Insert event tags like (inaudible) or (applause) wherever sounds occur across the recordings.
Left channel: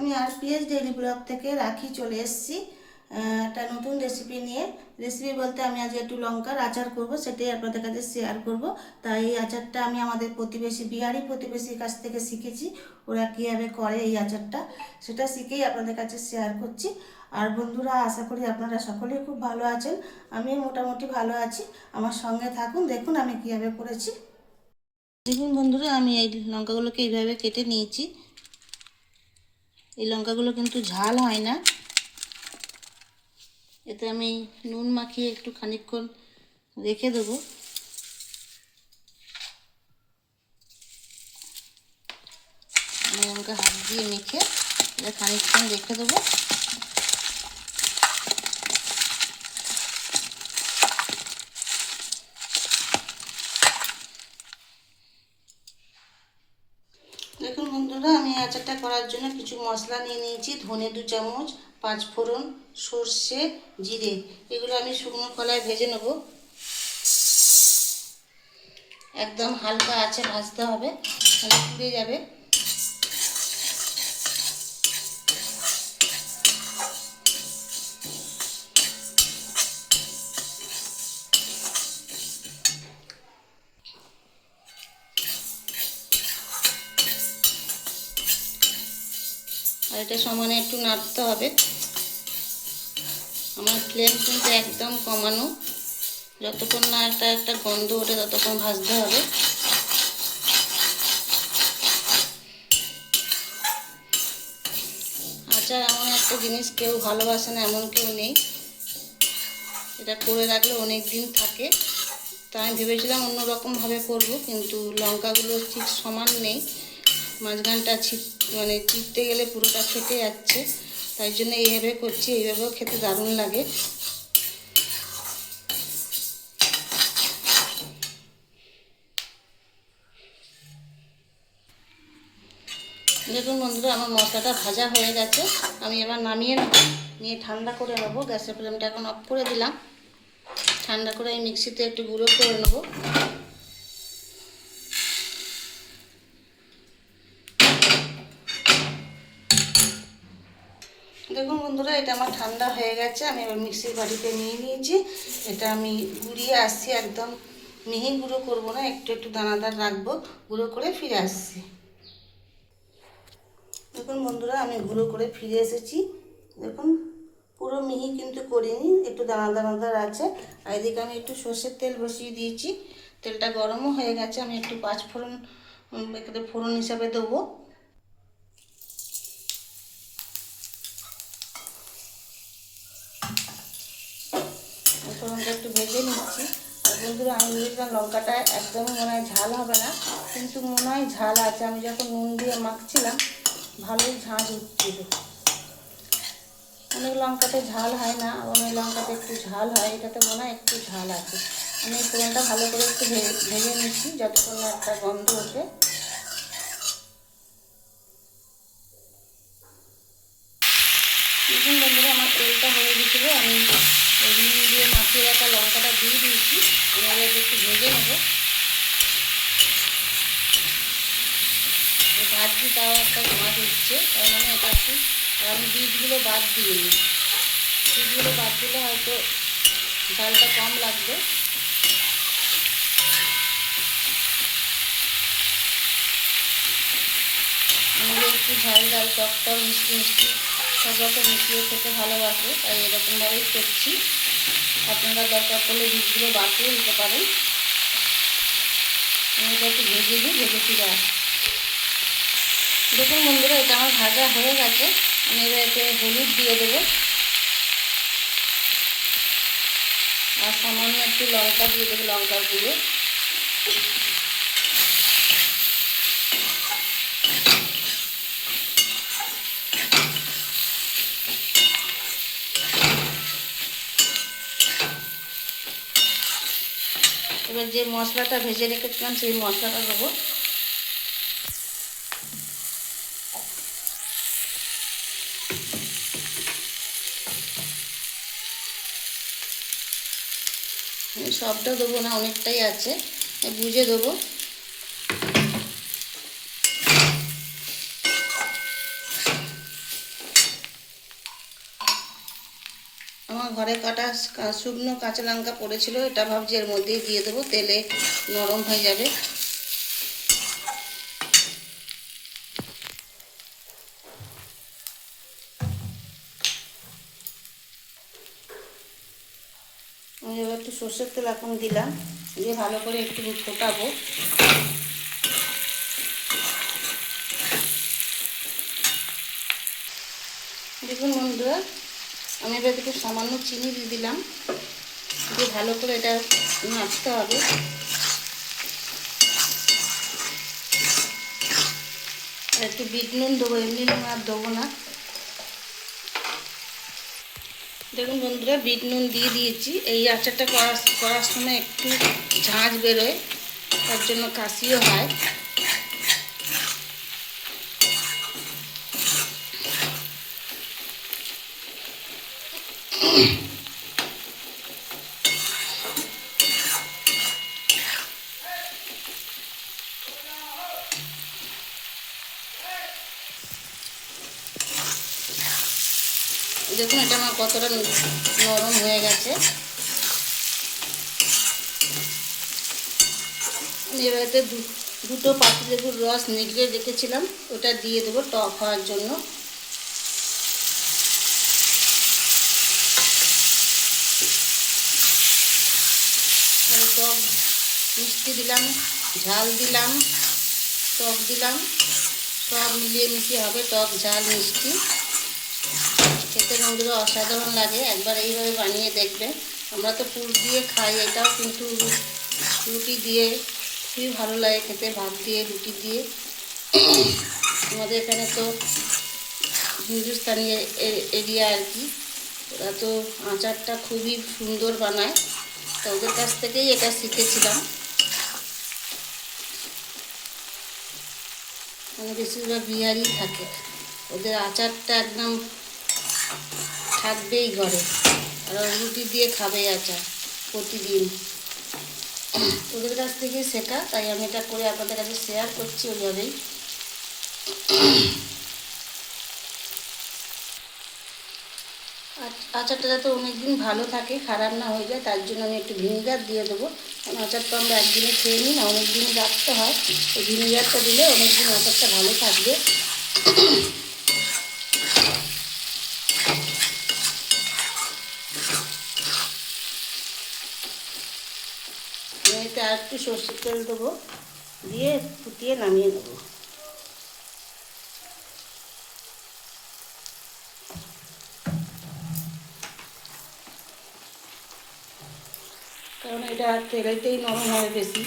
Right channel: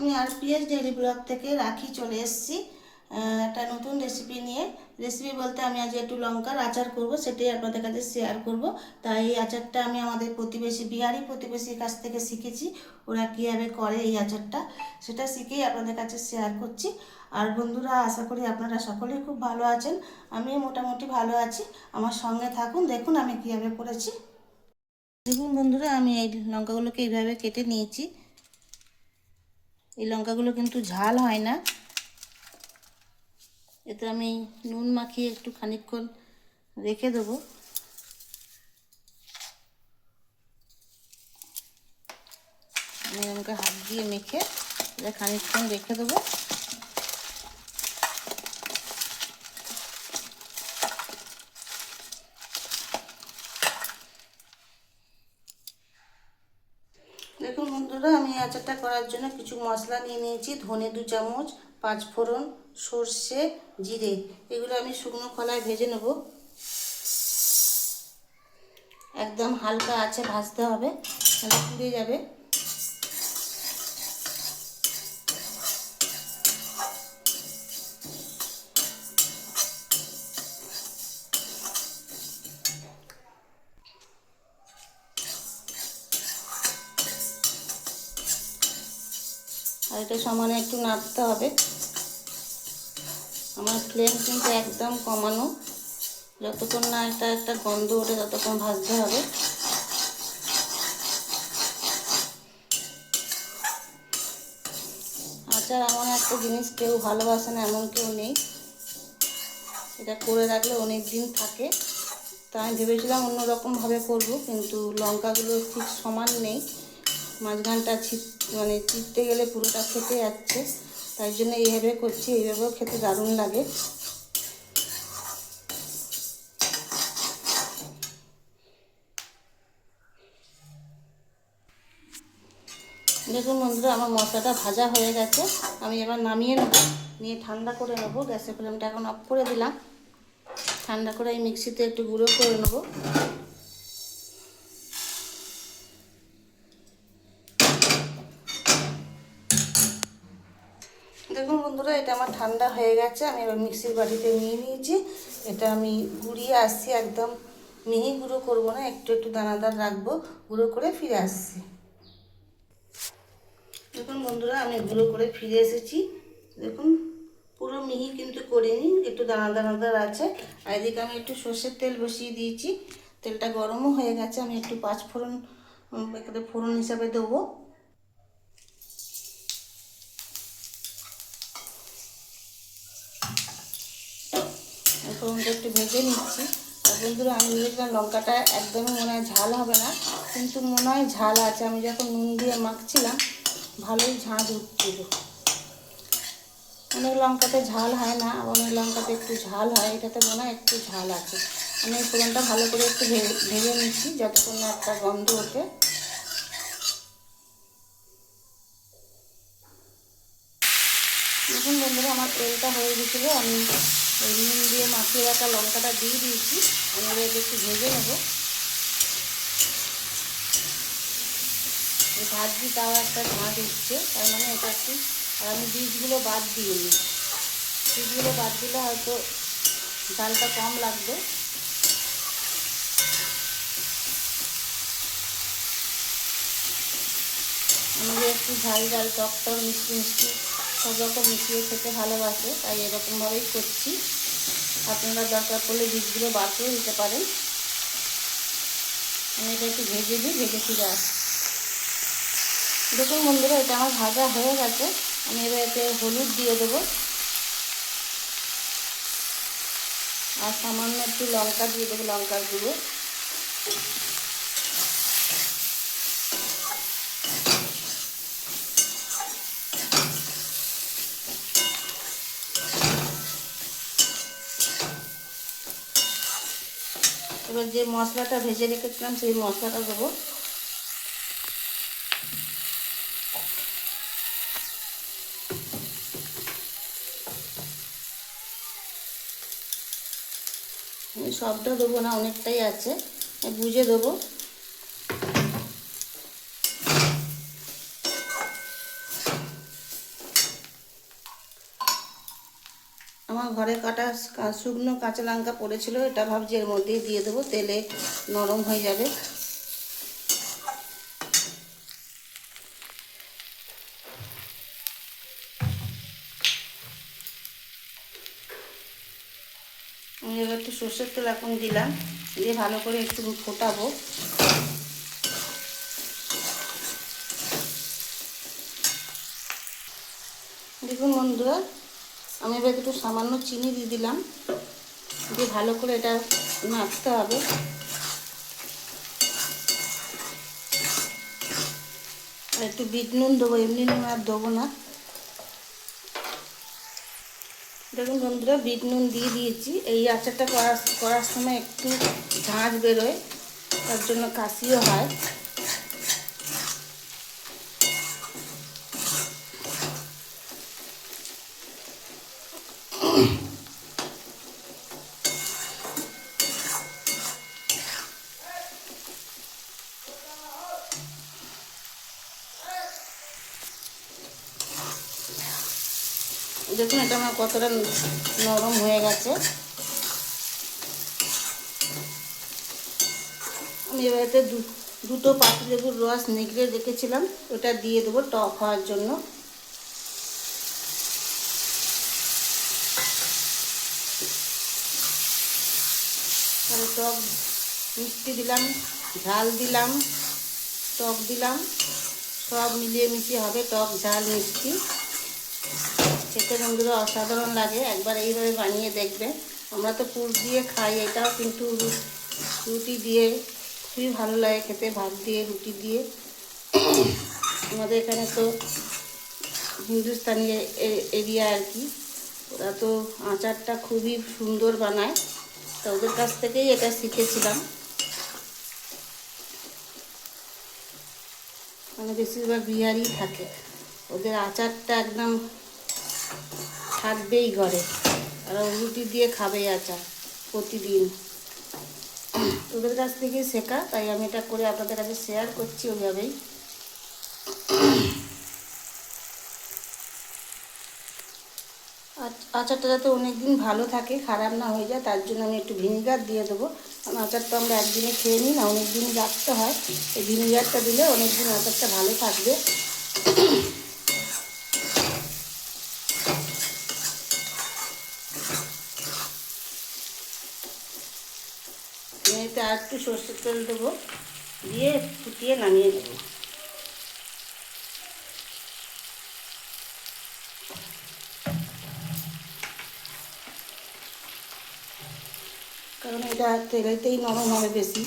আমি আর PS daily blog থেকে রাখি, চলে এসেছি। একটা নতুন রেসিপি নিয়ে। রেসিপি বলতে আমি আজ একটু লঙ্কার আচার করব, সেটাই আপনাদের কাছে শেয়ার করব। তাই এই আচারটা আমি আমাদের প্রতিবেশী, বিহারি প্রতিবেশীর কাছ থেকে শিখেছি। ওরা কীভাবে করে এই আচারটা, সেটা শিখেই আপনাদের কাছে শেয়ার করছি। আর বন্ধুরা, আশা করি আপনারা সকলেই খুব ভালো আছেন। আমিও মোটামুটি ভালো আছি। আমার সঙ্গে থাকুন, দেখুন আমি কীভাবে করেছি। দেখুন বন্ধুরা, আমি এই লঙ্কাগুলোকে এইভাবে কেটে নিয়েছি। এই লঙ্কাগুলো কিন্তু ঝাল হয় না। এতে আমি নুন মাখিয়ে একটু খানিকক্ষণ রেখে দেবো। আমি লঙ্কা হাত দিয়ে মেখে এটা খানিকক্ষণ রেখে দেবো দেখুন বন্ধুরা, আমি আচারটা করার জন্য কিছু মশলা নিয়ে নিয়েছি। ধনে দু চামচ, পাঁচ ফোড়ন, সর্ষে, জিরে। এগুলো আমি শুকনো কলায় ভেজে নেব। একদম হালকা আছে ভাজতে হবে, তাহলে পুড়ে যাবে। এটা সমানে একটু নাড়তে হবে। আমার ফ্লেম কিন্তু একদম কমানো। যতক্ষণ না একটা একটা গন্ধ ওঠে, ততক্ষণ ভাজতে হবে। আচার এমন একটা জিনিস, কেউ ভালোবাসে না, এমন কেউ নেই। এটা করে রাখলে অনেক দিন থাকে। তা আমি ভেবেছিলাম অন্যরকমভাবে করব, কিন্তু লঙ্কাগুলো ঠিক সমান নেই। মাঝখানটা ছিট মানে চিপতে গেলে পুরোটা ফেটে যাচ্ছে। তাই জন্য এইভাবে করছি, এইভাবেও খেতে দারুণ লাগে। দেখুন বন্ধুরা, আমার মশলাটা ভাজা হয়ে গেছে। আমি এবার নামিয়ে নেব, নিয়ে ঠান্ডা করে নেব। গ্যাসের ফ্লেমটা এখন অফ করে দিলাম। ঠান্ডা করে এই মিক্সিতে একটু গুঁড়ো করে নেব। দেখুন বন্ধুরা, এটা আমার ঠান্ডা হয়ে গেছে, আমি এবার মিক্সির বাটিতে নিয়ে নিয়েছি। এটা আমি গুঁড়িয়ে আসছি একদম, মিহি গুঁড়ো করব না, একটু একটু দানাদার রাখব, গুঁড়ো করে ফিরে আসছি। দেখুন বন্ধুরা, আমি গুঁড়ো করে ফিরে এসেছি। দেখুন, পুরো মিহি কিন্তু করিনি, একটু দানা দানাদার আছে। আর এদিকে আমি একটু সর্ষের তেল বসিয়ে দিয়েছি, তেলটা গরমও হয়ে গেছে, আমি একটু পাঁচ ফোড়ন ফোড়ন হিসাবে দেবো। ফোড়নটা একটু ভেজে নিচ্ছি। আর বন্ধুরা, আমি ভেবেছিলাম লঙ্কাটা একদমই মনে হয় ঝাল হবে না, কিন্তু মনে হয় ঝাল আছে। আমি যখন নুন দিয়ে মাখছিলাম, ভালোই ঝাঁঝ উঠছিল। অনেক লঙ্কাতে ঝাল হয় না অনেক লঙ্কাতে একটু ঝাল হয়। এটাতে মনে হয় একটু ঝাল আছে। আমি এই ফোড়নটা ভালো করে একটু ভেজে নিচ্ছি, যতক্ষণ না একটা গন্ধ ওঠে। দেখুন বন্ধুরা, আমার তেলটা হয়ে গেছিল। আমি ওই নুন দিয়ে মাখিয়ে রাখা লঙ্কাটা দিয়ে দিয়েছি। আমি এটা একটু ভেজে নেব। এই ভাজি তাও একটা ঝাঁজ উঠছে তার মানে এটা একটু আর আমি বীজগুলো বাদ দিয়ে নিই বীজগুলো বাদ দিলে হয়তো ডালটা কম লাগবে। আমাদের একটু ঝাল ঝাল টক মিষ্টি মিষ্টি সব রকম মিশিয়ে খেতে ভালোবাসে, তাই এরকমভাবেই করছি। আপনারা দরকার পড়লে বীজগুলো করে দিতে পারেন। আমি এটা একটু ভেজে দিই ভেজে ফিরে আসছি। দেখুন বন্ধুরা, এটা আমার ভাজা হয়ে গেছে। আমি এবার এতে হলুদ দিয়ে দেবো। আর সামান্য একটু লঙ্কা দিয়ে দেবো, লঙ্কার গুঁড়ো। এবার যে মশলাটা ভেজে রেখেছিলাম, সেই মশলাটা দেবো। সবটা দেবো না, অনেকটাই আছে। বুঝে দেবো। ঘরে কাটা শুকনো কাঁচা লঙ্কা পড়েছিল, এটা ভাবছি এর মধ্যেই দিয়ে দেবো, তেলে নরম হয়ে যাবে। এবার একটু সর্ষের তেল এখন দিলাম, দিয়ে ভালো করে একটু ফোটাবো। দেখুন বন্ধুরা আমি এবার একটু সামান্য চিনি দিয়ে দিলাম। দিয়ে ভালো করে এটা নাড়তে হবে। একটু বিট নুন দেবো, এমনি নুন আর দেবো না। দেখুন বন্ধুরা, বিট নুন দিয়ে দিয়েছি। এই আচারটা করার করার সময় একটু ঝাঁঝ বেরোয়, তার জন্য কাশিও হয়। দেখুন, এটা আমার কতটা নরম হয়ে গেছে। আমি এবারে দুটো পাতি লেবুর রস নিগড়ে রেখেছিলাম, ওটা দিয়ে দেবো টক হওয়ার জন্য। টক মিষ্টি দিলাম, ঝাল দিলাম, টক দিলাম। সব মিলিয়ে মিশিয়ে হবে টক, ঝাল, মিষ্টি। খেতে বন্ধুরা অসাধারণ লাগে, একবার এইভাবে বানিয়ে দেখবে। আমরা তো পুর দিয়ে খাই, এটাও কিন্তু রুটি দিয়ে, খুবই ভালো লাগে খেতে, ভাত দিয়ে, রুটি দিয়ে। আমাদের এখানে তো হিন্দুস্তানি এরিয়া আর কি, ওরা তো আচারটা খুবই সুন্দর বানায়, তো ওদের কাছ থেকেই এটা শিখেছিলাম। মানে বেশিরভাগ বিহারি থাকে, ওদের আচারটা একদম থাকবেই ঘরে। ও রুটি দিয়ে খাবে আচার প্রতিদিন। ওদের কাছ থেকেই শেখা, তাই আমি এটা করে আপনাদের কাছে শেয়ার করছি ওইভাবেই। আচ- আচারটা যাতে অনেক দিন ভালো থাকে, খারাপ না হয়ে যায়, তার জন্য আমি একটু ভিনিগার দিয়ে দেবো। কারণ আচার তো আমরা একদিনে খেয়ে নিই না অনেক দিন রাখতে হয়। এই ভিনিগারটা দিলে অনেক দিন আচারটা ভালো থাকবে আমি এতে আর একটু সর্ষের তেল দেবো দিয়ে ফুটিয়ে নামিয়ে দেবো কারণ এটা তেলেতেই নরম হবে বেশি।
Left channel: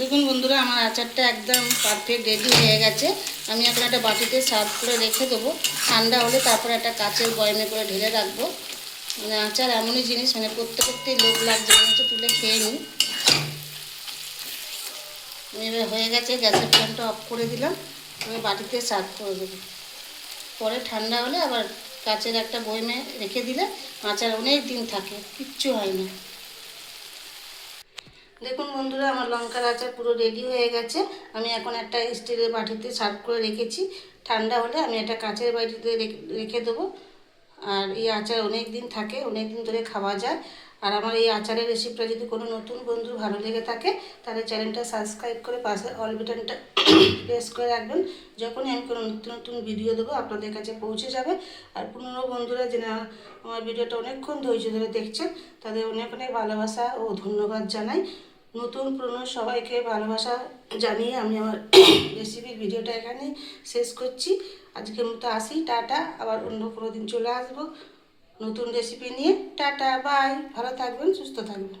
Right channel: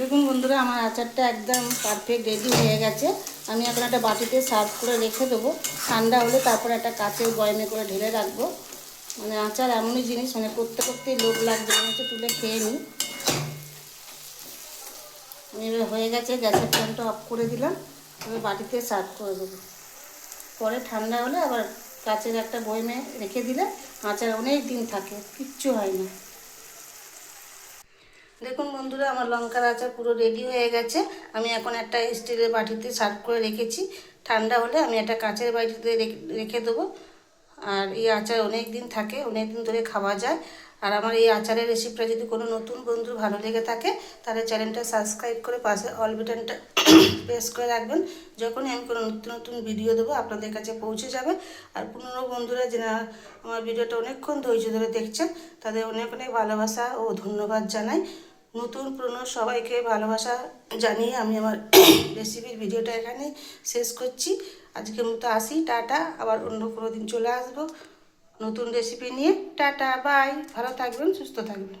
দেখুন বন্ধুরা, আমার আচারটা একদম পারফেক্ট রেডি হয়ে গেছে। আমি এখন একটা বাটিতে সার্ভ করে রেখে দেবো। ঠান্ডা হলে তারপরে একটা কাচের বয়মে করে ঢেলে রাখব। মানে আচার এমনই জিনিস মানে করতে করতেই লোভ লাগছে মনে হচ্ছে তুলে খেয়ে নিই এবার হয়ে গেছে, গ্যাসের ফ্লেমটা অফ করে দিলাম। আমি বাটিতে সার্ভ করে দেবো। পরে ঠান্ডা হলে আবার কাচের একটা বয়মে রেখে দিলে আচার অনেক দিন থাকে, কিচ্ছু হয় না। দেখুন বন্ধুরা, আমার লঙ্কার আচার পুরো রেডি হয়ে গেছে। আমি এখন একটা স্টিলের বাটিতে সার্ভ করে রেখেছি। ঠান্ডা হলে আমি একটা কাঁচের বাটিতে রেখে- দেবো। আর এই আচার অনেক দিন থাকে অনেক দিন ধরে খাওয়া যায়। আর আমার এই আচারের রেসিপিটা যদি কোনো নতুন বন্ধু ভালো লেগে থাকে, তাহলে চ্যানেলটা সাবস্ক্রাইব করে পাশে অল বাটনটা প্রেস করে রাখবেন। যখনই আমি কোনো নতুন নতুন ভিডিও দেবো, আপনাদের কাছে পৌঁছে যাবে। আর পুরনো বন্ধুরা যারা আমার ভিডিওটা অনেকক্ষণ ধৈর্য ধরে দেখছেন, তাদের অনেক অনেক ভালোবাসা ও ধন্যবাদ জানাই। নতুন পুরনো সবাইকে ভালোবাসা জানিয়ে আমি আমার (coughs) রেসিপির ভিডিওটা এখানে শেষ করছি। আজকের মতো আসি, টাটা। আবার অন্য কোনো দিন চলে আসব নতুন রেসিপি নিয়ে। Ta-ta, bye. ভালো থাকবেন, সুস্থ থাকবেন।